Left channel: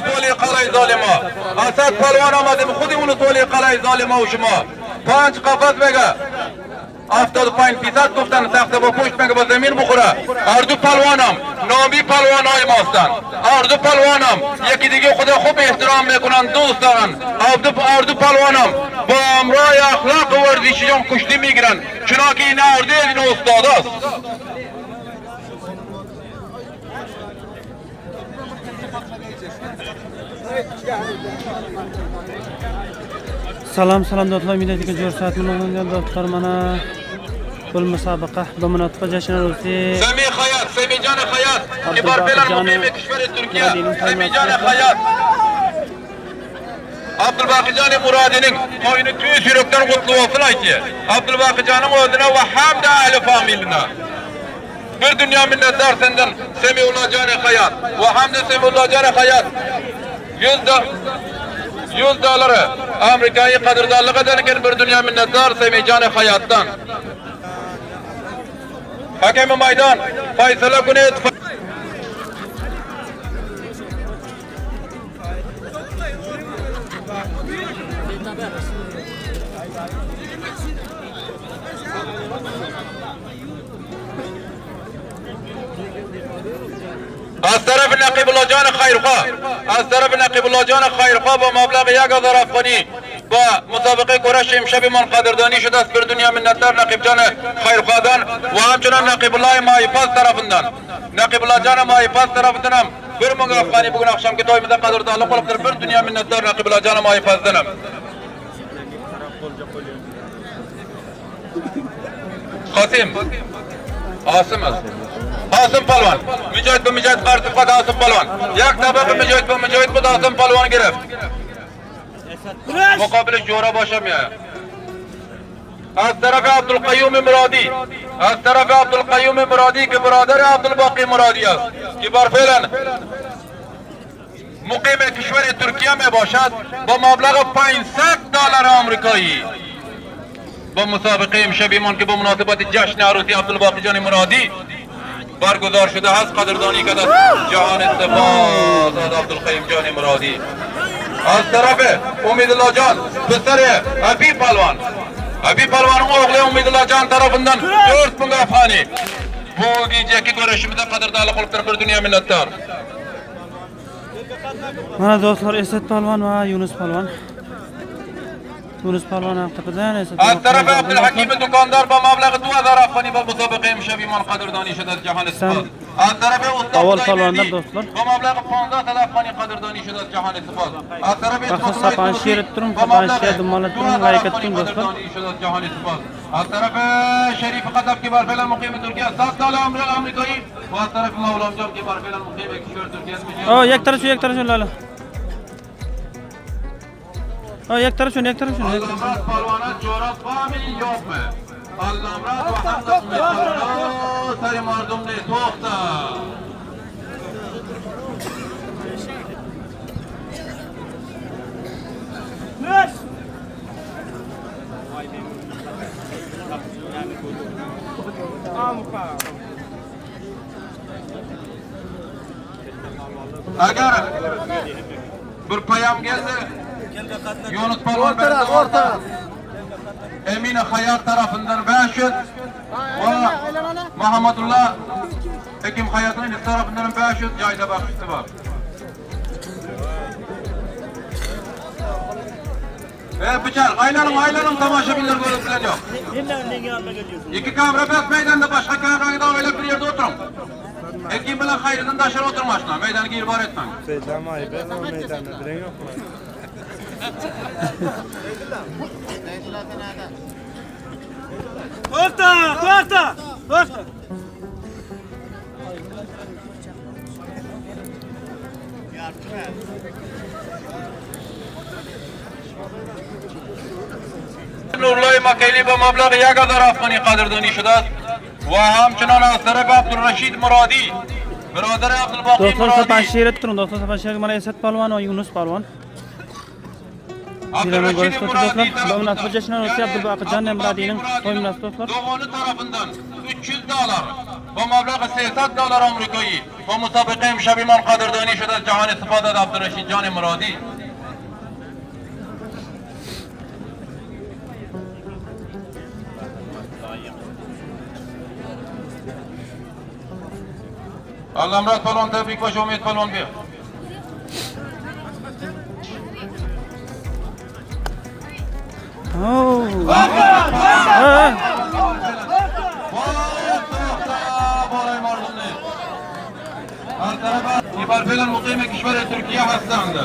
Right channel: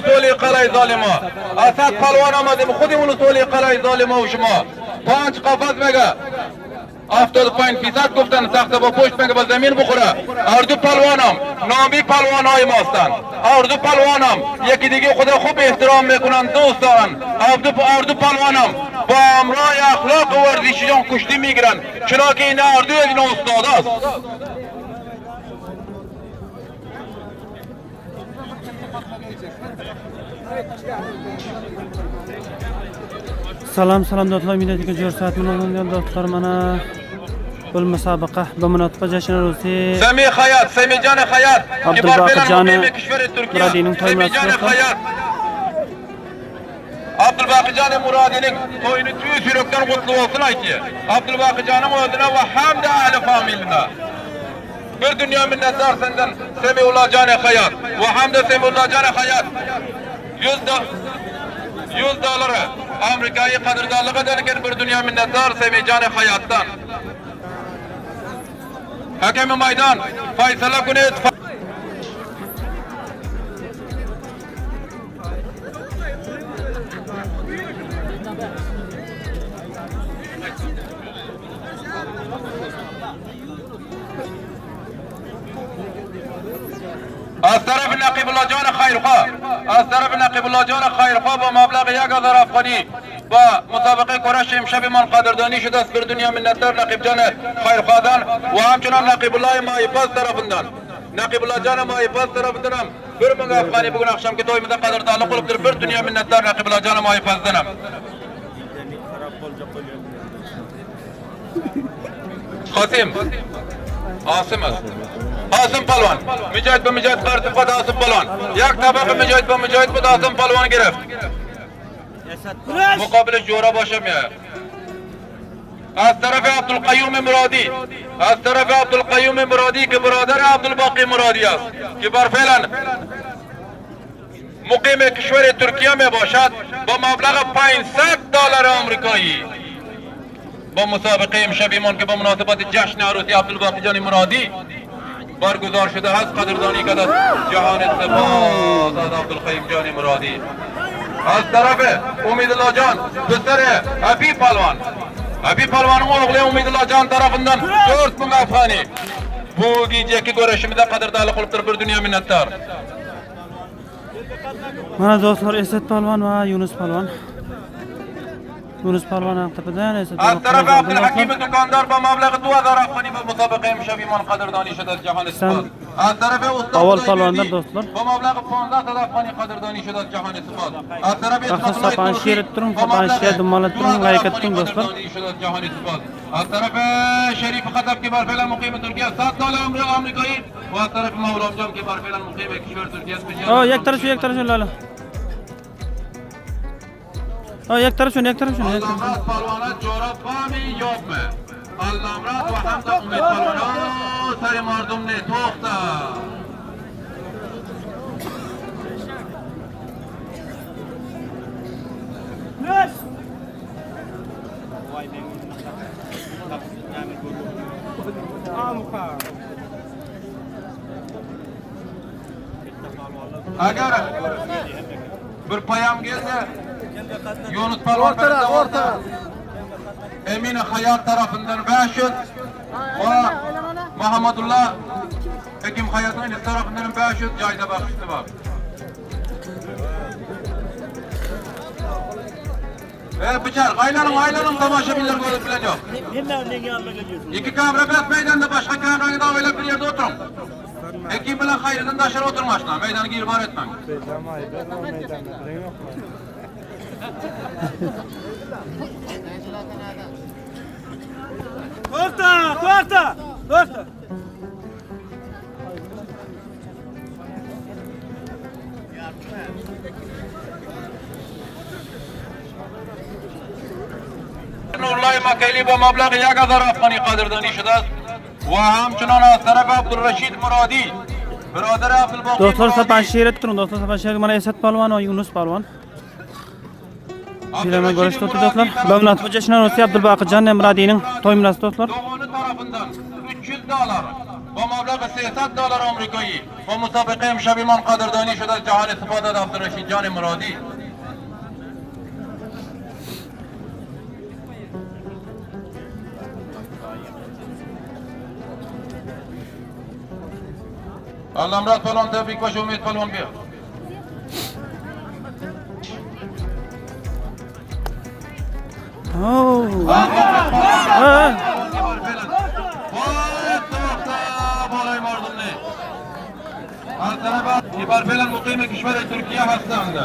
ولسوالی قلعه ظالما اسد پلوان آمدیم خودی ولسوالی قلعه ظالما و شما 5 قفس بگه 75% گفتن تخت با پشت بگه به زمین بخوره اردو پلوانم نامی پلوان های ماستن اردو پلوانم یکی دیگه خدا خوب احترام میکنن دوست دارن اردو پلوانم با امرای اخلاق و ورزشیان کشتی میگیرن چنانکه این اردو این استاد است. Salam dostlar, milletiga ko'rsatmalar dostlar, mana bu musobaqa dominantga jashnarosi Sami Hayat, Samijon Hayat, Abdulbaqirjon Murodining to'ymasi. Abdulbaqirjon Murodining to'yini tüy sürükten kutlamasını aytdi. Abdulbaqirjonning o'zine ve hamda ahli familina. Bir dünya minnettar senden Samiullohjon Hayat ve hamda Samiullohjon Hayat. $100 Amerika'yı qadrdonlik ederken bir dünya minnettar Samijon Hayatdan. Hakemi maydon Faysala Gunet از طرف نقیبالله جان خیرخواه از طرف نقیبالله جان خیرخواه با مبلغ 1000 افغانی با مسابقه کرش امشب من قدردانی شده است بر دنیا منتدار نقیب جان خیرخواهدان و همچنان نقیبالله مایپاس طرفından نقیبالله جان مایپاس طرفından هم bir ming afgani bugün akşamki toyumuzda qadrdonlik qilibdir bir dunyo minnatdor naqibullo jon moyipazdan ham Qasim Asım Palvan Mücahit bu Mücahit qarşı fada Asım Palvan yak tabaqı Mücahit bu Asım Palvan girif mukabele jora başamaya az tarafı Abdülkayyum Muradi az tarafı Abdülkayyum Muradi ki biraderi Abdülbaqi Muradi است ki برفعلا مقیم کشور ترکیه می باشد با مبلغ $500 آمریکایی با مسابقه امشبیمان که با مناسبت جشن عروسی عبدالباقی جان مرادی برگزار شده است قدردانی کرده جهان سپاس از عبدالقیوم جان مرادی از طرف امیدالله جان پسر ابی پلوان oğlu امیدالله جان tarafından 4000 afgani bu geceki görüşümüzde qadrdonlik qilibdir bir dunyo minnatdor. Mana dostlar Esat Palvon va Yunus Palvon. Yunus Palvon haqiqatan Esat Palvon. Abdulhakim dukandor با مبلغ 2000 afgani با مسابقه امشبیمان قدردانی شده جهان سپاس. از طرف Avval palvonlar dostlar. با مبلغ 15000 afgani qadrdoni شده جهان سپاس. از طرف Baxsa sapan sherit turing, sapan sherit dumalab turing, like eting dostlar. جهان سپاس. از طرف شریف قطب که برفعل مقیم ترکیه $100 آمریکایی و از طرف مولام جان که برفعل مقیم کشور ترکیه است. یک طرف لاله. یک طرف شون. پهلوانان جوراب فهمی yok mu? Allah'ım rahmet sari mardum ne toxta. Agar bir payam geldi Yunus Palvan orta Emine Hayat tarafından 500 ve Muhammedullah Ekim Hayat'ın tarafından 500 cayda bakıştı var. Bıçak aylanın tamaşabiler böyle filan yok. İki kamera bas meydanda başka kamerada öyle bir yerde oturun. Ekim bilen hayrından taşır oturmasına meydanı gir var etmeyin. Meydanda diren yok. To'xta. Nurullah Makeli bu mablag 1000 afgani qadrdoni shudi va hamchunon az taraf Abdurrashid Murodi birodar Abdulbaqi Dostlar sapan sherit turing, dostlar sapan sherit mana Esat Palvon va Yunus Palvon. Jilama görüşmek dostlar. Dominant jashnarosi Abdulbaqirjon Murodining to'y munosabati dostlar. Doğanı tarafından $300 با مبلغ 300 دلار آمریکایی با مسابقه امشب ایمان قدردانی شد از جهان استفاده از عبدالرشید جان مرادی. علامراد پلوان تبریک باشه، امید پلوان بیا. بر فعلا مقیم کشور ترکیه هستند.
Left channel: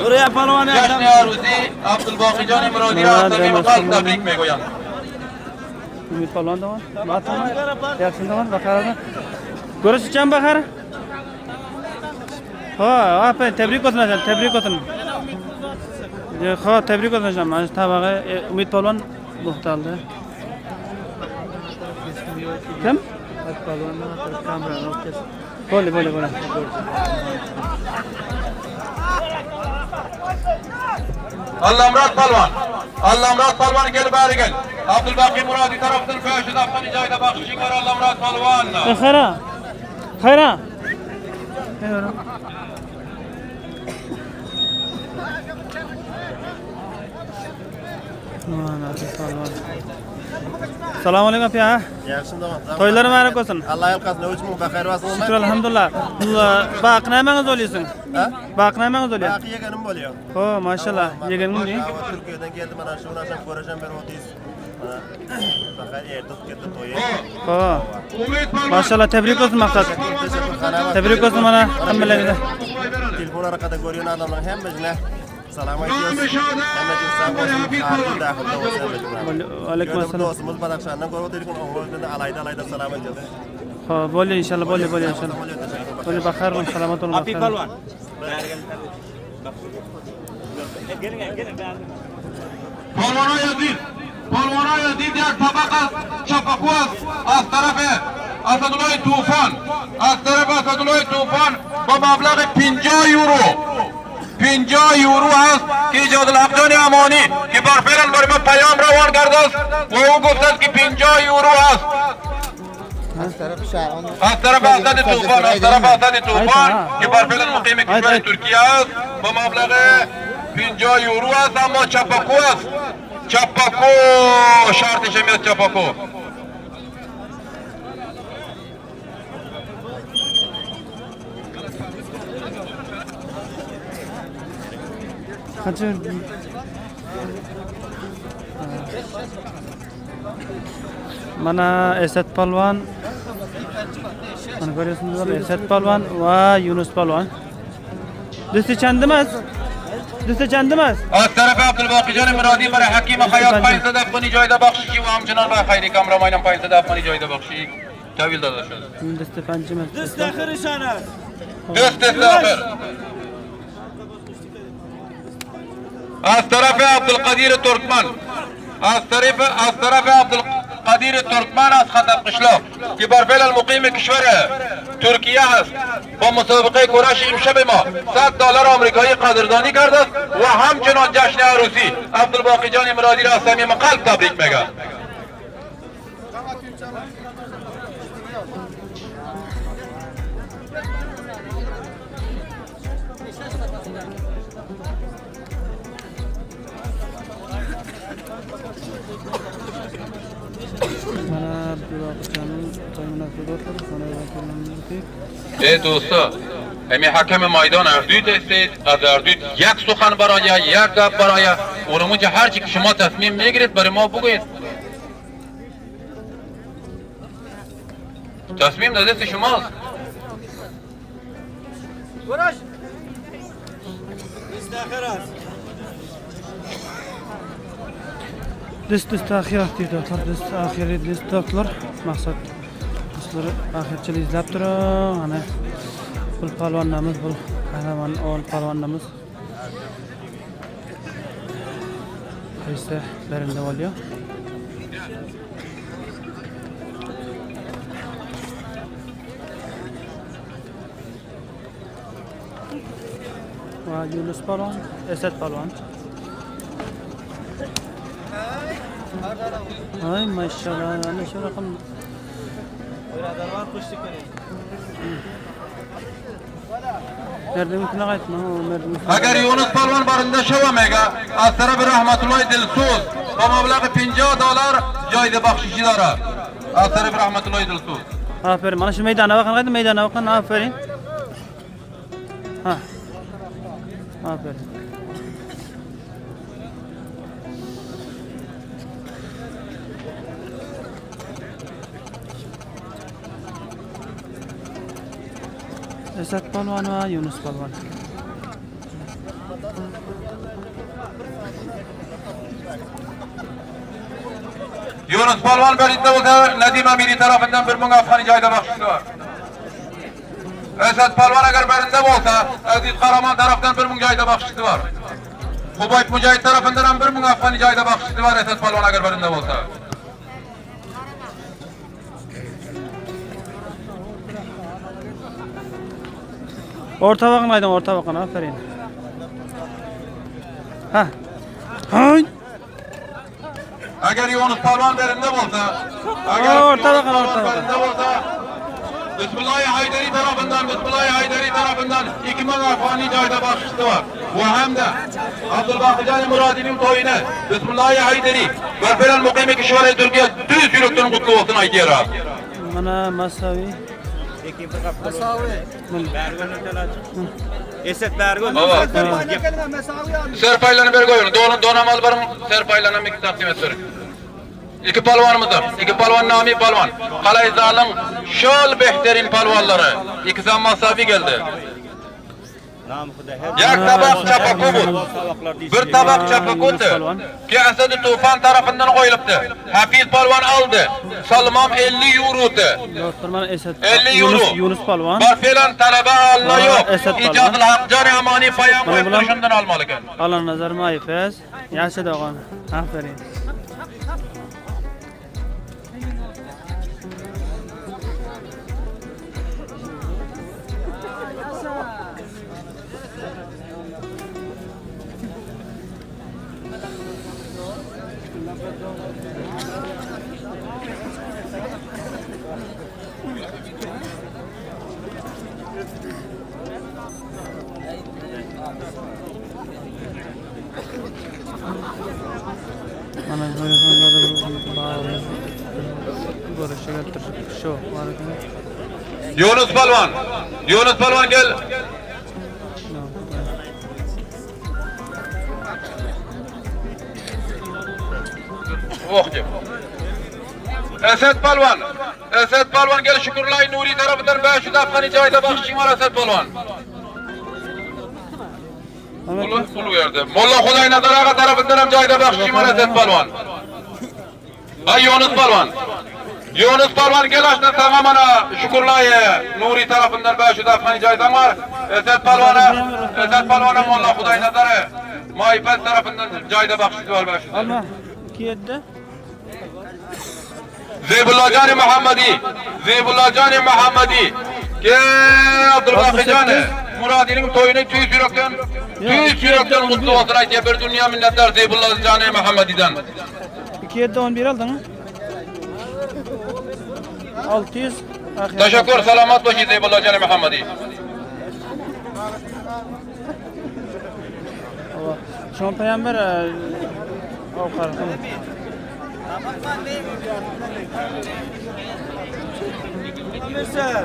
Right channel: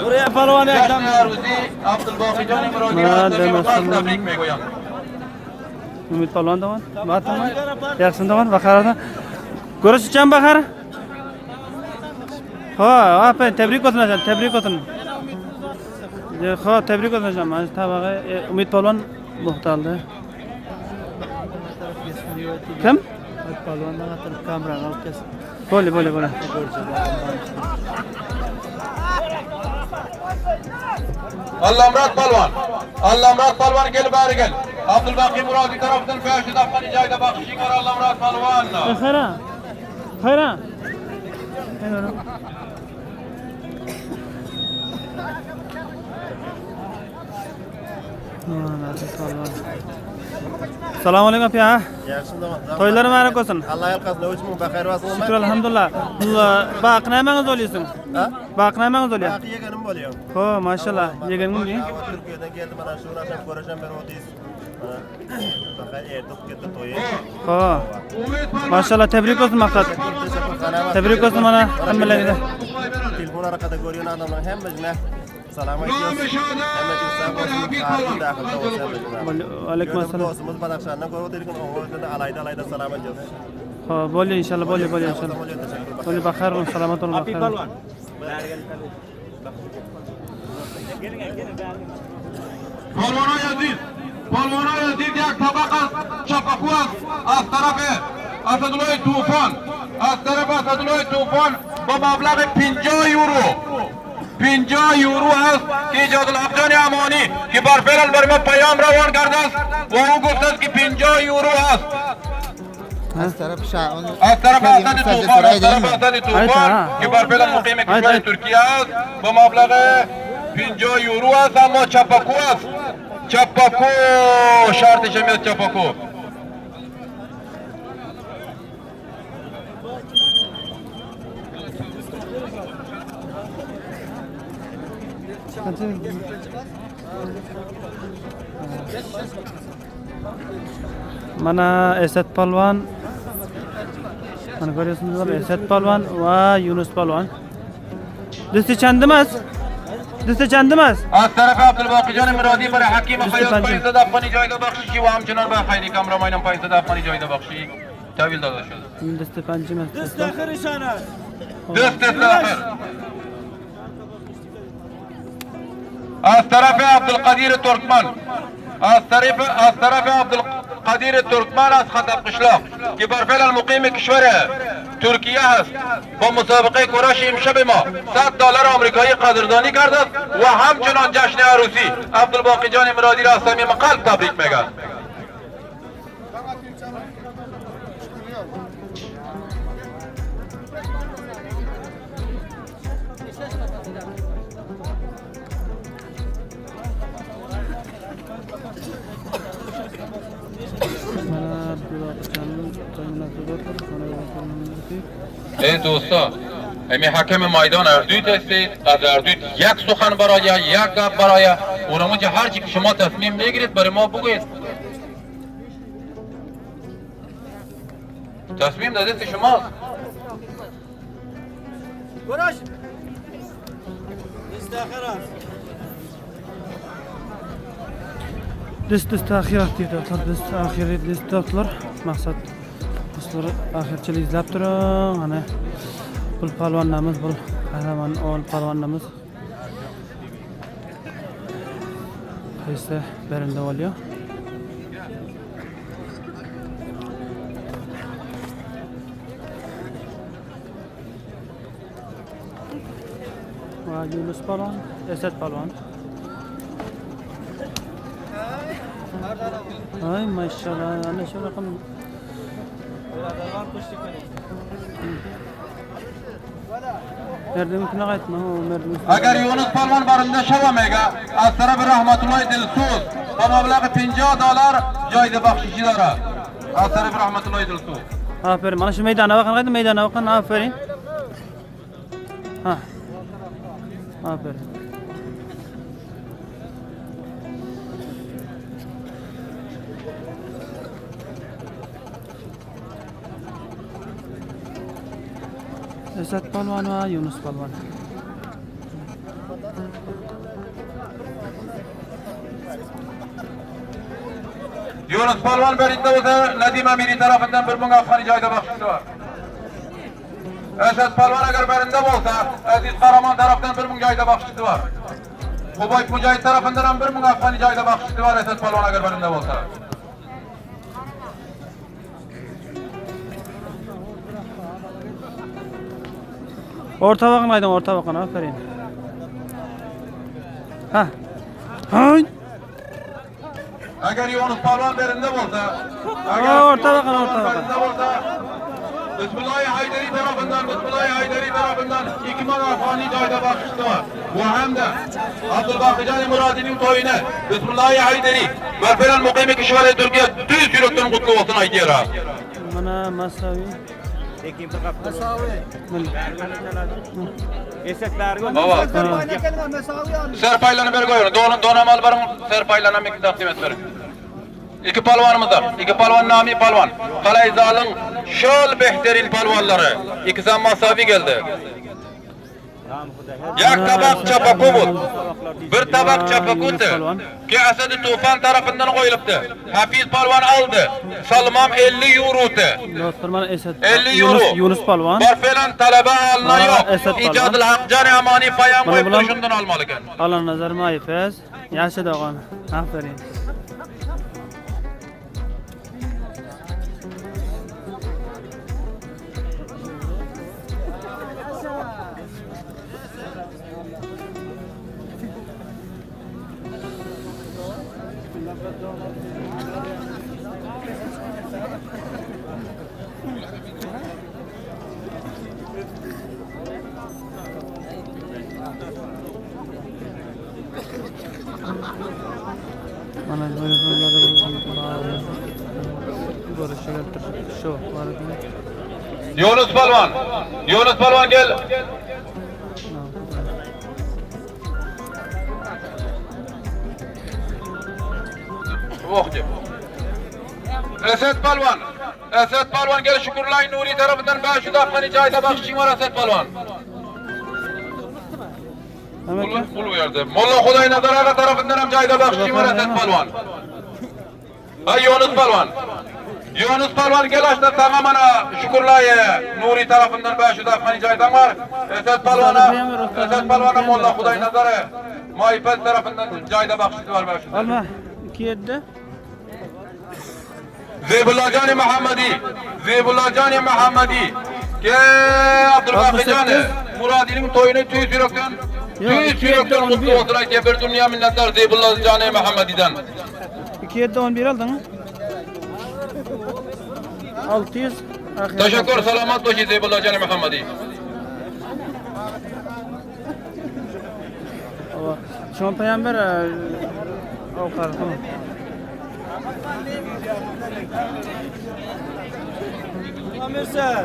جشن عروسی عبدالباقی جان مرادی را از صمیم قلب تبریک میگویم. امید پلوان دوان بعد دوان یکسون دوان بخیر گروش چند بخیر ها آپ تبریک کنن تبریک کنن je خو تبریک کنم از طبقه امید پلوان محتال ده کم بوله بوله بوله علامراد پلوان gel bari gel. Abdülbaki Muradi tarafından Feşid Afgan'ı cayda bakışık var Allhamrad Pehlivan. خیره خیره خیره Assalomu alaykum aka. Yaxshimdaman. To'ylar muborak bo'lsin. Alloh yolqasin. O'chim baxayr bo'lsin. Shukr alhamdulillah. Baqnamangiz o'laysiz. Ha? Baqnamangiz o'laysiz. Baqi yeganim bo'lyapti. Xo'p, mashallah. Yeganingiz chi? Turkiyadan keldi, mana shu narsa ko'rasham bir o'tiz. Mana baxayr erdi ketdi to'yi. Xo'p. Mashallah, tebrik bo'lsin maqsad. Tebrik bo'lsin mana hammalarga. Telefon orqada ko'rgan odamlar hammasiga salom aytamiz. Hammaga sog' bo'lsin, xayrli daxilda bo'lsin. Alaykum assalom. Do'stimiz Badaxshandan ko'rib o'tirgan o'g'lidan alayda salom aytamiz. Xo'p, bo'ldi inshaalloh, bo'ldi inshaalloh. Bo'ldi baxayr bo'ling, salomat bo'ling, baxayr. Polvona Yazid یک طبق از چپاکو از طرف اسدالله طوفان با مبلغ 50 یورو 50 یورو است که ایجاد الحق جان امانی که بر فعل بر ما پیام روان کرده است و او گفته است که 50 یورو است از طرف اسد طوفان که بر فعل مقیم کشور ترکیه است با مبلغ 50 یورو است اما چپاکو است چپاکو شرطش میاد چپاکو mana Esat Palvon mana ko'ryapsizlar Esat Palvon va Yunus Palvon do'sti chandimas از طرف عبدالباقی جان مرادی برای حکیم خیاط 500 افغانی جایزه بخشی و همچنان به خیلی کامرامانم 500 افغانی جایزه بخشی تحویل داده شد do'sti panjimas دست آخرش است. دست آخر از طرف عبدالقدیر ترکمن از خطر قشلاق که بر فعل المقیم کشور ترکیه است با مسابقه کراش امشب ما 100 دلار آمریکایی قدردانی کرده است و همچنان جشن عروسی عبدالباقی جان مرادی را از صمیم قلب تبریک میگم. mana Abdulbaqi to'y munosabatlari xonadagi ای دوستا امی حکم میدان اردویت هستید از اردویت یک سخن برای یک گپ برای اونمونجا هر چی که شما تصمیم میگیرید برای ما بگوید تصمیم دست شماست دست آخر است. do'st axirat deydi do'st axiri do'stlar maqsad do'stlar axirchilik izlab turing ana pul palvonlarimiz bu qahramon ol palvonlarimiz qaysi birinde oluyor va Yunus palvon Esat palvon ay maşallah ana shu raqam Birazdan kuşluk verin. Merdivine qaytma, o merdivine. Agar Yunus Palvon barında şavamega, az tarafı rahmetullahi Dilso'z. Bu mablağı 50 dolar joyda baxshishi dora. Az tarafı rahmetullahi Dilso'z. Aferin. Mana shu maydona bakın, qayda maydona bakın. Aferin. Ha. Aferin. Esat Palvon va Yunus Palvon. Yunus Palvon berinde bo'lsa, Nadim Amiri tarafından bir ming afg'oni joyda baxshishi bor. Esat Palvon agar berinde bo'lsa, Aziz Qahramon tarafdan bir ming joyda baxshishi bor. Qubayt Mujahid tarafından ham bir ming afg'oni joyda baxshishi bor Esat Palvon agar berinde bo'lsa. Orta bakın aydın, orta bakın. Aferin. Ha. Hay. Agar Yunus Palvon berinde bo'lsa, Orta bakın, orta bakın. Bismillahi Haydari tarafından 2000 afg'oni joyda baxshishi bor. Bu hamda Abdulbaqijon Murodining to'yini Bismillahi Haydari va bilan muqimi kishvara Turkiya tuz yurakdan qutlug' olsin aytayapman. Mana masavi. Ekin bir qap masavi. Esatlarga Serpaylarni berib qo'ying. Do'namal bir serpaylarni taqdim et bering. İki palvanımız var. İki palvan nami palvan. Qalay zalim şol behterin palvanları. İkisi masavi geldi. Yak tabak çapakobut. Bir tabak çapakuttu. Ki Asad-ı Tufan tarafından koyuluptu. Hafiz palvan aldı. Salmam 50 euro'tu. Doktor mana Esat 50 euro. Yunus Palvon. Barfelan talaba Esat alları. Palvan. İcadil haq cari amani fayan Mana koyup bular şundan almalı ekan. Allah nazar mayfez. Yasir dağın. Aferin. Mana böyle sonlarda bağlı. Görüşecektir. Şu var ekan. Yunus Palvan. Yunus Palvan gel. Esat Palvan. Esat Palvan gel Şükürlay Nuri tarafından 500 afg'oni joyda baxshishing bor Esat Palvan. Pul verdi. Molla Xudoy Nazar ağa tarafından ham joyda baxshishing bor Esat Palvan. Ay Yunus Palvan. Yunus Palvan gel açtı tamam ana Şükürlay Nuri tarafından 500 afg'oni joyda var. Esat Palvan'a Molla Xudoy Nazar Mayfat tarafından joyda baxshishi bor 500. Alma. 2-7. Zebullajon Muhammadi. Ke Abdulbaqijon Murodining to'yini tuz yurakdan qutlug' olsin aytib bir dunyo minnatdor Zebullajon Muhammadidan. 2-7 11 aldın mı? 600. Teşekkür selamat bo'lsin Zebullajon Muhammadi. Şu peygamber avkar tamam. Mesela